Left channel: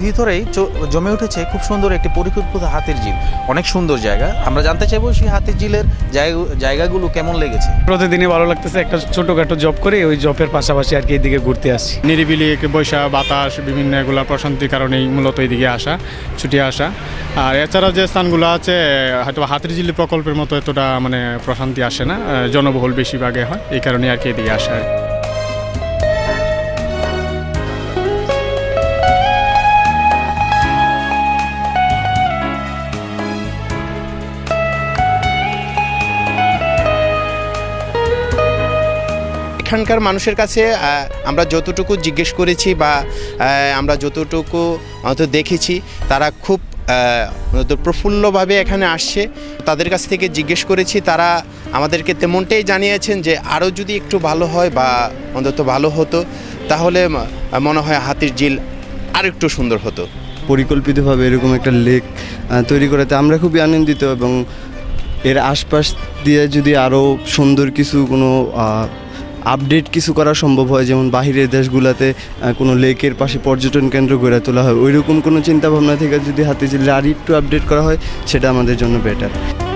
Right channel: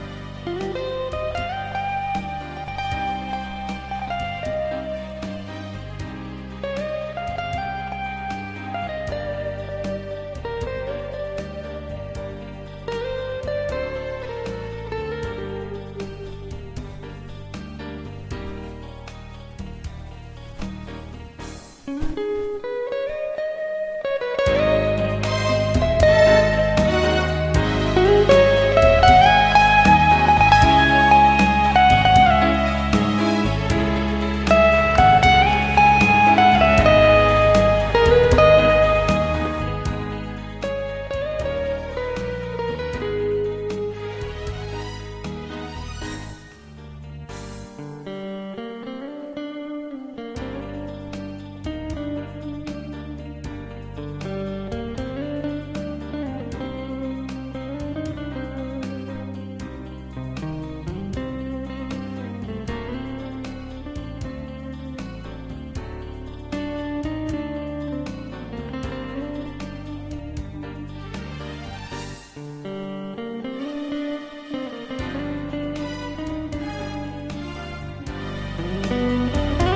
ভিতরেই জমে উঠেছে খুব সুন্দর একটি পরিকল্পিত হাতির ঝিল। অনেক সুন্দর জায়গা। আমরা জানতে চাইব সেই হাতির ঝিলের জায়গা- জায়গাগুলো কেমন লেগেছে? প্রতিদিনই ভালো লাগতেছে। একটা ছোটোখাটো জব করে ওই জবের পাশাপাশি আর কি এদিকে ঘুরতে আসছি। নিরিবিলি বৈশা বাতাস বিভিন্ন এগুলা প্রশান্তির কারণেই মূলত এইদিকে আসা ছুটে আসা। আর এছাড়া যে স্থানগুলো আছে হয়তো হাতিরঝিলি প্রকল্পের মতো এতটা মানে প্রশান্তি আসে না জনবহুল বেশিরভাগে হয়। এই কারণে আর কি এদিকে আসা হয়। এখানকার মানুষের কাছে আমরা যতটুকু জিজ্ঞেস করেছি বা আমরা যতটুকু দেখেছি, তারা খুব প্রফুল্লভাবে এখানে আসছে। তাদের কাছ থেকে জিজ্ঞেস করেছি, তারা আমাদেরকে তেমনটাই জানিয়েছেন যে আরও যদি একটু ভালো হয় বা অন্তত ভালো হতো, তাহলে মনে হয় হাতির ঝিল আর একটু সুন্দর হতো। পরিকল্পিতভাবে এরকম একটা লেক তৈরি করাতে আমরা খুবই আনন্দিত এবং এর আশপাশ দিয়ে যদি আরও সুন্দর কিছু কোনো আপডেট কিছু করা সম্ভব হয়? যেমন বাহিরের দেশগুলোতে কোনো লেকের পাশে পর্যটন কেন্দ্র গড়ে তোলা হয়। ওইরকম কোনো চিন্তাভাবনা থেকে যদি হাতে জেলে আর একটু আপডেট করা হয়, সেটা আমাদের জন্য বেটার